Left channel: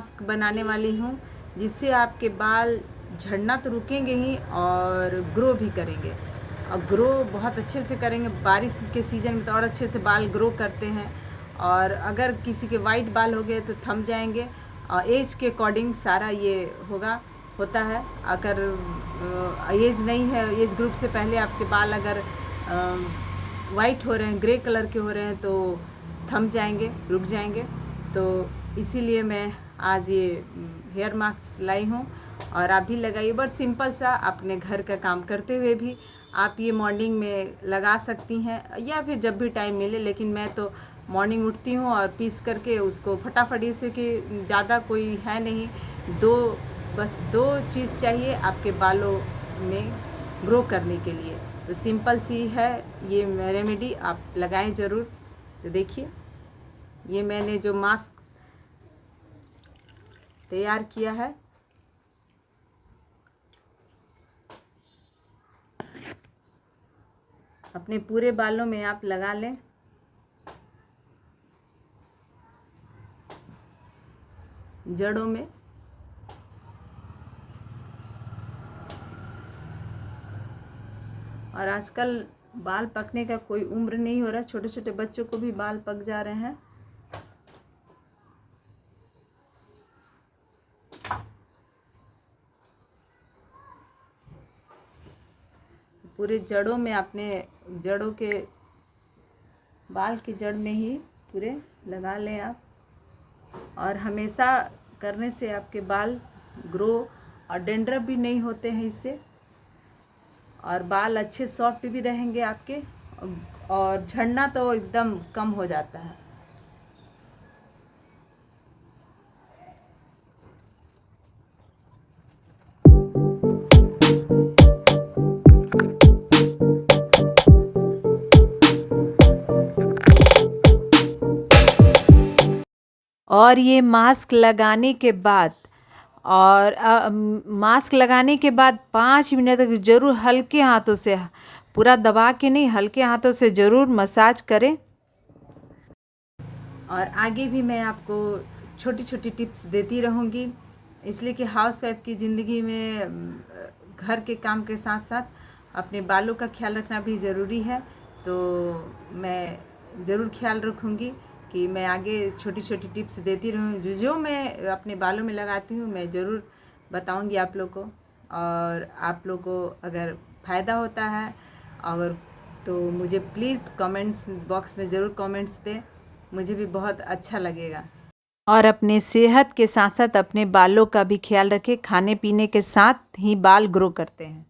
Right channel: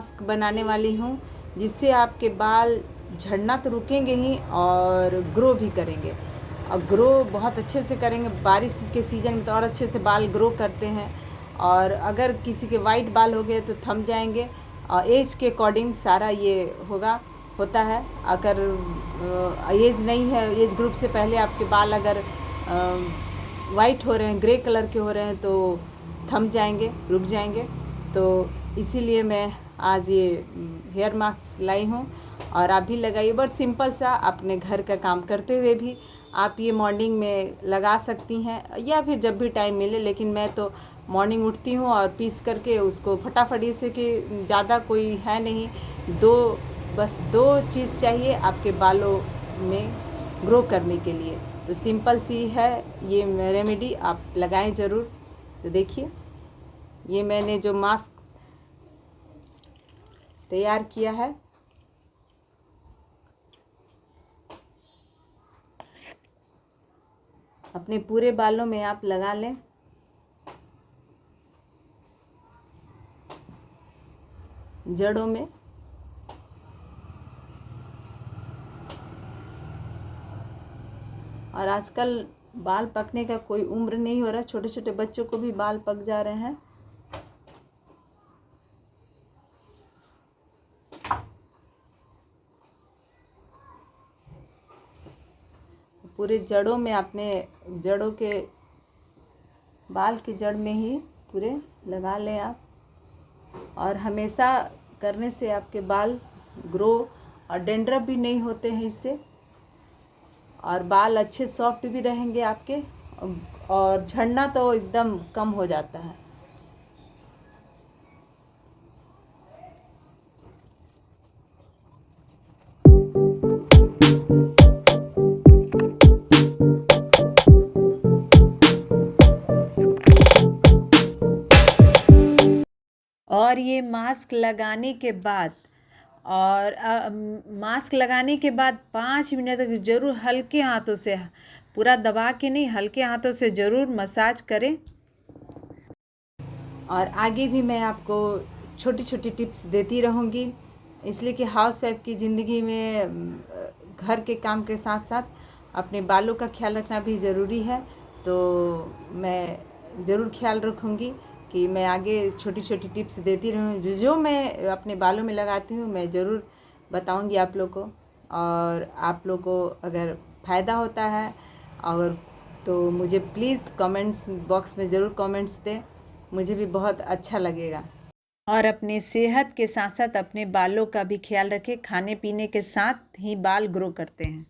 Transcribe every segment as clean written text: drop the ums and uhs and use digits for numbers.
Mask बनाने वाली हूँ जिससे आपके बाल झड़ना तो रुकेंगे ही और ग्रो भी करेंगे, और ग्रो बहुत अच्छे से करेंगे। बारिश के सीज़न में तो और अच्छे से बाल ग्रो करते हैं। और अगर किसी के वाइट बाल हो गए तो थम जाएंगे, और एज के अकॉर्डिंग सारा ये होता है। अगर एज नहीं है, एज ग्रुप से पहले आपके बाल अगर वाइट हो रहे हैं, ग्रे कलर के हो रहे हैं, तो थम जाएंगे, रुक जाएंगे। तो इसीलिए मैं आज ये हेयर मास्क लाई हूँ और आप भी लगाइए। बहुत सिंपल सा, अपने घर का काम करते हुए भी आप ये मॉर्निंग में लगा सकती हैं या फिर जब भी टाइम मिले। लेकिन मैं तो मॉर्निंग उठती हूँ और पीस करके उसको फटाफट, से कि ज़्यादा कोई है नहीं, बस दो चीज़ चाहिए आपके बालों में ग्रो करने के लिए। तो सिंपल सी है ये रेमेडी, आप लगाएं ज़रूर। तो देखिए, ये मैंने जो मास्क तैयार किया है, अपने पूरे बालों में आप लगा लें। जड़ों में और आजकल बाल पकने का कोई उम्र नहीं हो रहा, छोटे छोटे बच्चों को भी बाल पक जा रहे हैं। पूरे जड़ों में, अपने जड़ों के बाल की जड़ में ही पूरे लगा लें आप। और हमेशा करने से आपके बाल ग्रो और डेंड्रफ भी नहीं होते हैं इससे, और बाल अच्छे सॉफ्ट भी रहेंगे आपके, और झड़ना तो एकदम कम हो जाता है। और ये मास्क लगाने के बाद, मास्क लगाने के बाद 5 मिनट तक ज़रूर हल्के हाथों से, पूरा दबा के नहीं, हल्के हाथों से ज़रूर मसाज करें। और आगे भी मैं आपको छोटी छोटी टिप्स देती रहूँगी, इसलिए कि हाउसवाइफ की ज़िंदगी में घर के काम के साथ साथ अपने बालों का ख्याल रखना भी ज़रूरी है। तो मैं ज़रूर ख्याल रखूँगी कि मैं आगे छोटी छोटी टिप्स देती रहूँ। जो मैं अपने बालों में लगाती हूँ मैं ज़रूर बताऊँगी आप लोग को। और आप लोग को अगर फ़ायदा होता है और तो मुझे प्लीज़ कमेंट्स बॉक्स में ज़रूर कमेंट्स दें, मुझे भी बहुत अच्छा लगेगा। और अपने सेहत के साथ साथ अपने बालों का भी ख्याल रखें। खाने पीने के साथ ही बाल ग्रो करते हैं।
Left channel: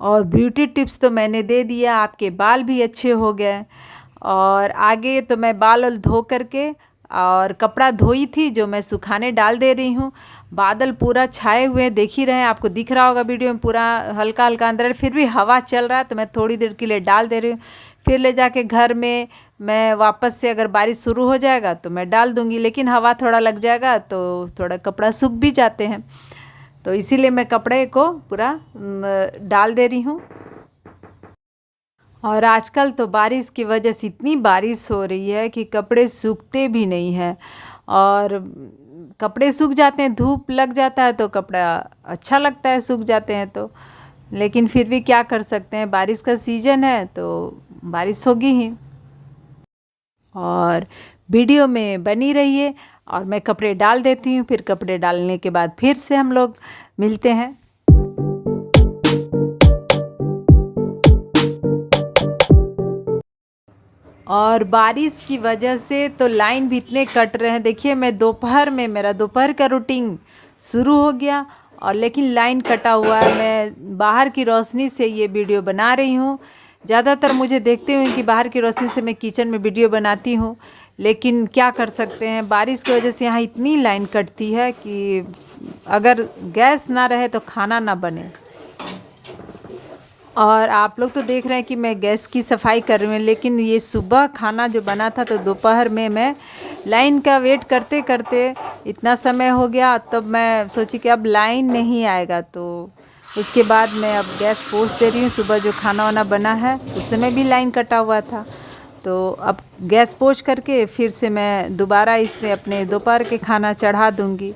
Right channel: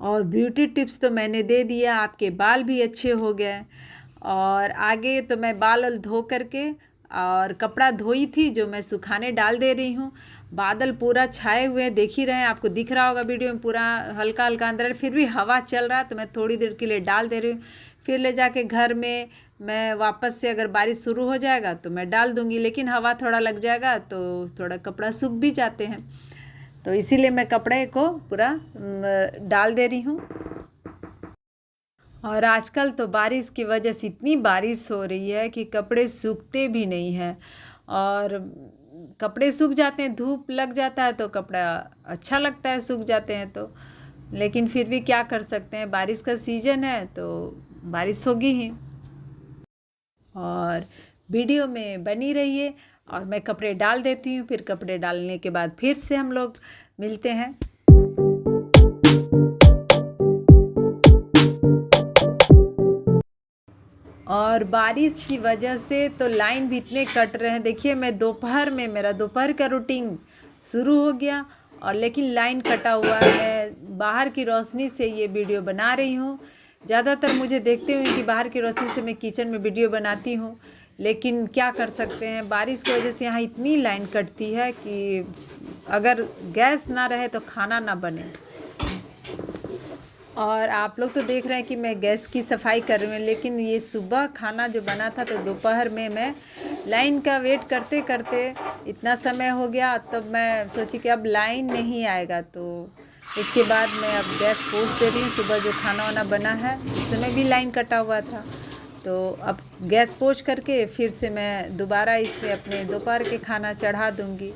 और ब्यूटी टिप्स तो मैंने दे दिया, आपके बाल भी अच्छे हो गए। और आगे तो मैं बाल धो करके और कपड़ा धोई थी जो मैं सुखाने डाल दे रही हूँ। बादल पूरा छाए हुए हैं, देख ही रहे हैं, आपको दिख रहा होगा वीडियो में, पूरा हल्का हल्का अंदर है, फिर भी हवा चल रहा है तो मैं थोड़ी देर के लिए डाल दे रही हूँ। फिर ले जाके घर में मैं वापस से, अगर बारिश शुरू हो जाएगा तो मैं डाल दूँगी, लेकिन हवा थोड़ा लग जाएगा तो थोड़ा कपड़ा सूख भी जाते हैं, तो इसीलिए मैं कपड़े को पूरा डाल दे रही हूँ। और आजकल तो बारिश की वजह से इतनी बारिश हो रही है कि कपड़े सूखते भी नहीं हैं, और कपड़े सूख जाते हैं, धूप लग जाता है तो कपड़ा अच्छा लगता है सूख जाते हैं तो, लेकिन फिर भी क्या कर सकते हैं, बारिश का सीज़न है तो बारिश होगी ही। और वीडियो में बनी रहिए, और मैं कपड़े डाल देती हूँ, फिर कपड़े डालने के बाद फिर से हम लोग मिलते हैं। और बारिश की वजह से तो लाइन भी इतने कट रहे हैं। देखिए, मैं दोपहर में, मेरा दोपहर का रूटीन शुरू हो गया और लेकिन लाइन कटा हुआ है। मैं बाहर की रोशनी से ये वीडियो बना रही हूँ। ज़्यादातर मुझे देखते हुए कि बाहर की रोशनी से मैं किचन में वीडियो बनाती हूँ, लेकिन क्या कर सकते हैं, बारिश की वजह से यहाँ इतनी लाइन कटती है कि अगर गैस ना रहे तो खाना ना बने। और आप लोग तो देख रहे हैं कि मैं गैस की सफाई कर रही हूँ, लेकिन ये सुबह खाना जो बना था तो दोपहर में मैं लाइन का वेट करते करते इतना समय हो गया, तब मैं सोची कि अब लाइन नहीं आएगा, तो इसके बाद मैं अब गैस पोंछ दे रही हूँ। सुबह जो खाना वाना बना है उस समय भी लाइन कटा हुआ था, तो अब गैस पोंछ करके फिर से मैं दोबारा इसमें अपने दोपहर के खाना चढ़ा दूँगी।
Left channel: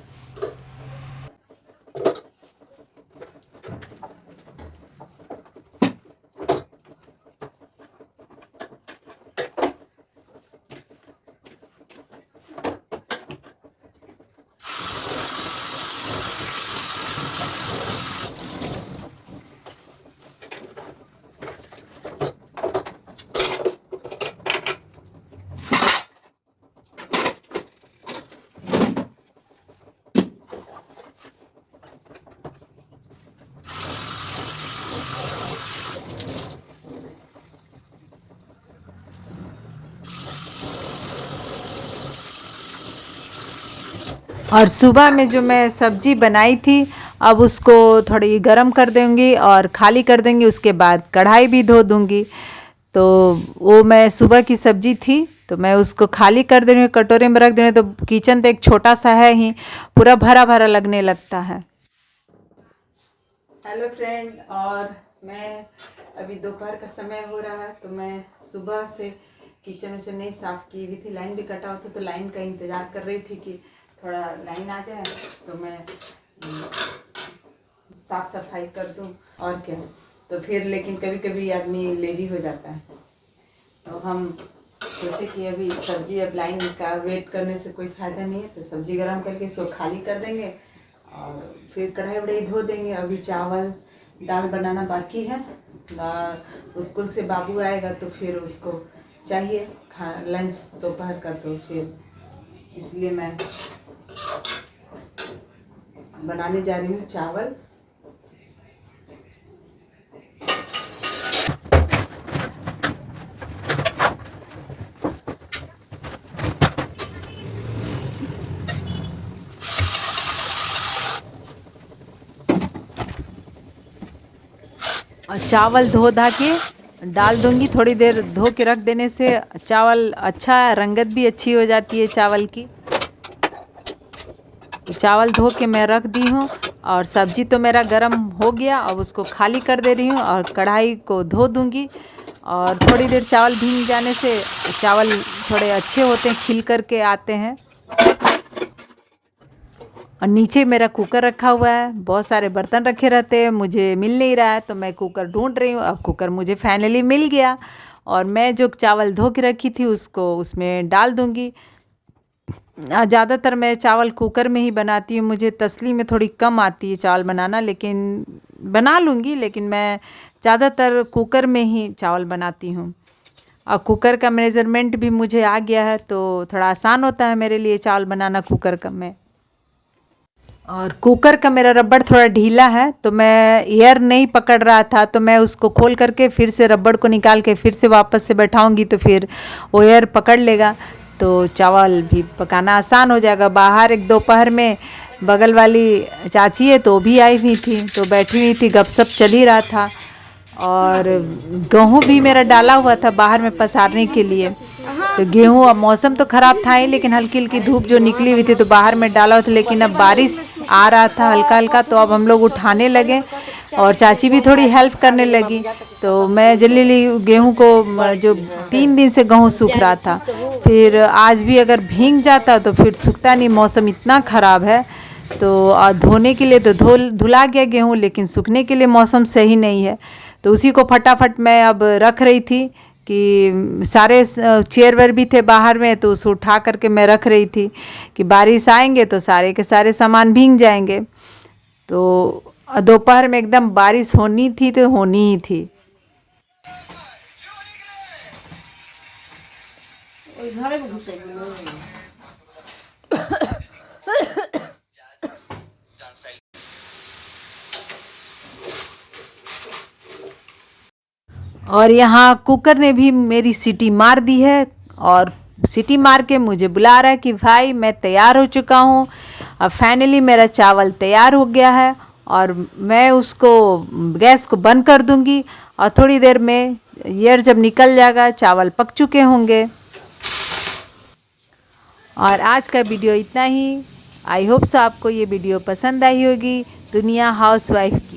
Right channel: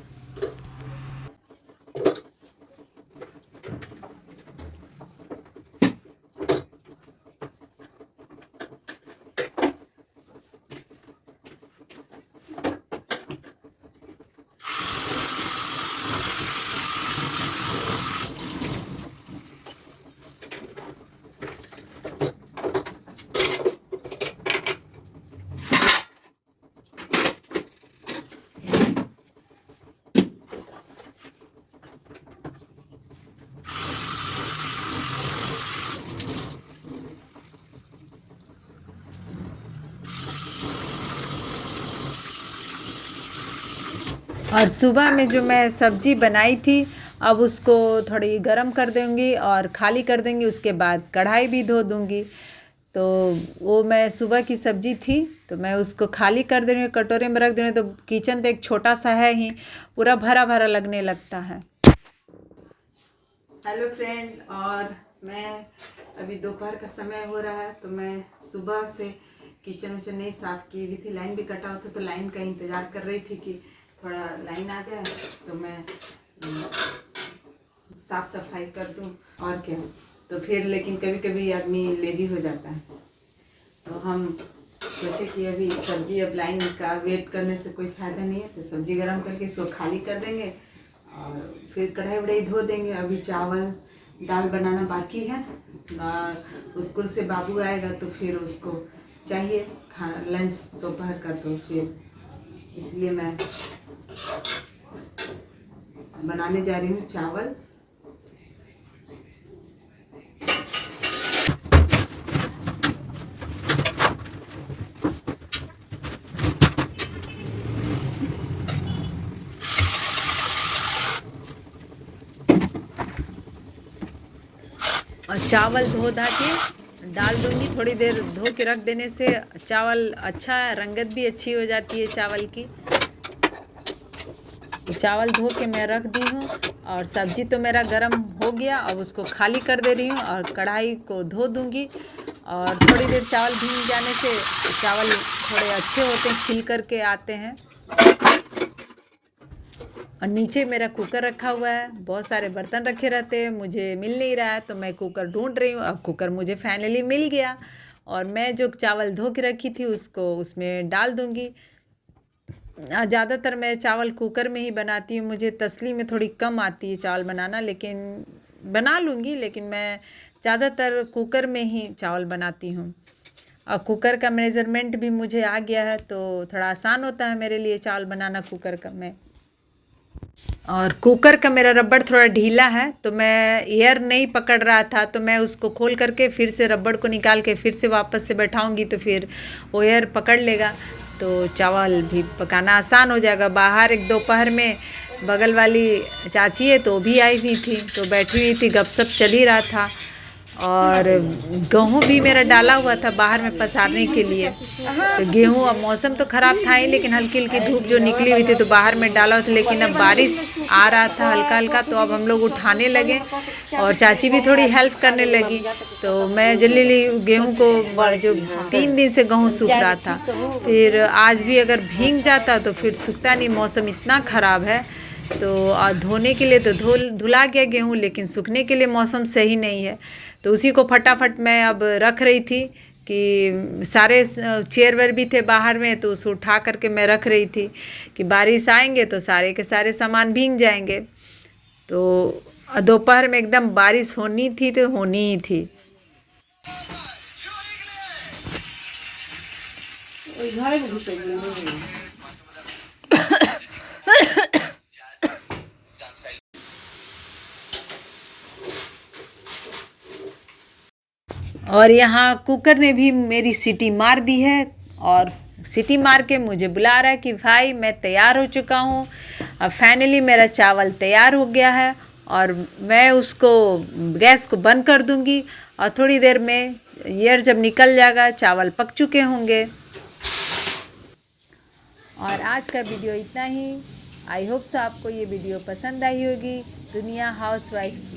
और सुबह में जो मैं सब्ज़ी बनाई थी अब उसको थोड़ी गरम कर दूँगी और खाली कर देंगी, उसके बाद कढ़ाई भी धो दूँगी। तो वो मैं सुबह की सब्ज़ी थी तो मैं उसको खाली कर दे रही हूँ, कटोरे में रख दे रही हूँ। तो किचन तो एक छोटा सा है ही, पूरा भरा भरा लगने लगता है। हेलो फ्रेंड, और मैं अभी दोपहर का समय हो रहा है तो मैं सुबह से किचन से नहीं साफ़ की हुई थी। लाइन भी कटा हुआ था तो लाइन का इंतज़ार कर रही थी कि थोड़ा लाइन आ जाए तो मैं साफ़ सफाई कर दूं, और क्या। तो फिर लेकिन कभी कभी आदमी लेजी हो जाता है, तो हम सोचे कि अभी सब्ज़ी, अब लाइन का वेट करने से कोई फ़ायदा नहीं है, तो सब्ज़ी गरम करके इसको खाली कर देंगे और फिर कढ़ाई वढ़ाई धो देंगे। अभी चावल दाल बनाना बाकी है। स्कूल से बाबू आएगा तो फिर उसको चाहिए खाना लंच दोपहर का, तो फिर इसलिए मैं बनाने जा रही हूँ चावल। और चावल धो धा के डाल दूँगी। थोड़ी देर धो के रख देने से चावल अच्छा, रंगत भी अच्छी हो जाती है चावल की। तो चावल धो के मैं रख दी हूँ और सब्ज़ी तो मेरा गरम हो गया। अब उसको खाली कर दे रही हूँ और कढ़ाई को धो दूँगी। और थोड़ी देर चावल भीग जाने से चावल थोड़े अच्छे होते हैं, खिल कर के आते हैं। और नीचे मेरा कुकर रखा हुआ है, बहुत सारे बर्तन रखे रहते हैं, मुझे मिल नहीं रहा है तो मैं कुकर ढूंढ रही हूँ। अब कुकर मुझे फाइनली मिल गया और मैं जो चावल धो के रखी थी उसको उसमें डाल दूँगी। ज़्यादातर मैं चावल कुकर में ही बनाती हूँ। मुझे तसली में थोड़ी कम आती है चावल बनाना, लेकिन बना लूँगी, लेकिन मैं ज़्यादातर कुकर में ही चावल बनाती हूँ। और कुकर का मेज़रमेंट भी मुझे आ गया है तो थोड़ा आसान होता है मेरे लिए चावल बनाना कुकर का में। और कुकर का मेरा रबड़ थोड़ा ढीला है तो मैं एयर नहीं पकड़ रहा था, तो मैं उसको खोल करके फिर से रबड़ को निकाल के फिर से वापस से बैठाऊंगी तो फिर वो एयर पकड़ लेगा, तो चावल भी पकाना आसान हो जाएगा। बाहर एक दोपहर में बगल वाली चाची है तो वो भी आई हुई थी, तो बैठी हुई थी, गपशप चल ही रहा था। और गेहूँ भी मेरा डाला हुआ था बाहर में पसारने के लिए। तो गेहूँ, अब मौसम तो ख़राब था ही, लेकिन हल्की हल्की धूप जो निकली हुई थी तो बाहर में डाला हुआ था। लेकिन अब बारिश आ रहा था हल्का हल्का, तो अब हम लोग उठाने लगे और चाची भी थोड़ी हेल्प करने लगी। तो मैं जल्दी गेहूँ को, जो 3 दिन से गेहूँ सूख रहा था, फिर आज भी अगर भीग जाता तो फिर सूखता नहीं, मौसम इतना ख़राब है। तो धोने के लिए तो धुला गया गेहूँ, लेकिन सूखने के लिए मौसम सही नहीं है। तो उसी को फटाफट मैं अब रख रही थी कि सारे चेयर वेयर भी थे बाहर में, तो उसको उठा करके मैं रख रही थी कि बारिश आएंगे तो सारे के सारे सामान भीग जाएंगे। तो दोपहर में एकदम बारिश होनी थी तो होनी ही थी। और यहाँ कुकर ने भी मेरी सीटी मार दी है और सीटी मार के मुझे बुला रहा है कि भाई मैं तैयार हो चुका हूँ। अब फाइनली मेरा चावल तैयार हो गया है और मैं उसको गैस को बंद कर दूँगी और थोड़ी देर में एयर जब निकल जाएगा चावल पक चुके होंगे। और आज का वीडियो इतना ही। आई होप सो आपको ये वीडियो पसंद आई होगी दुनिया हाउसवाइफ की।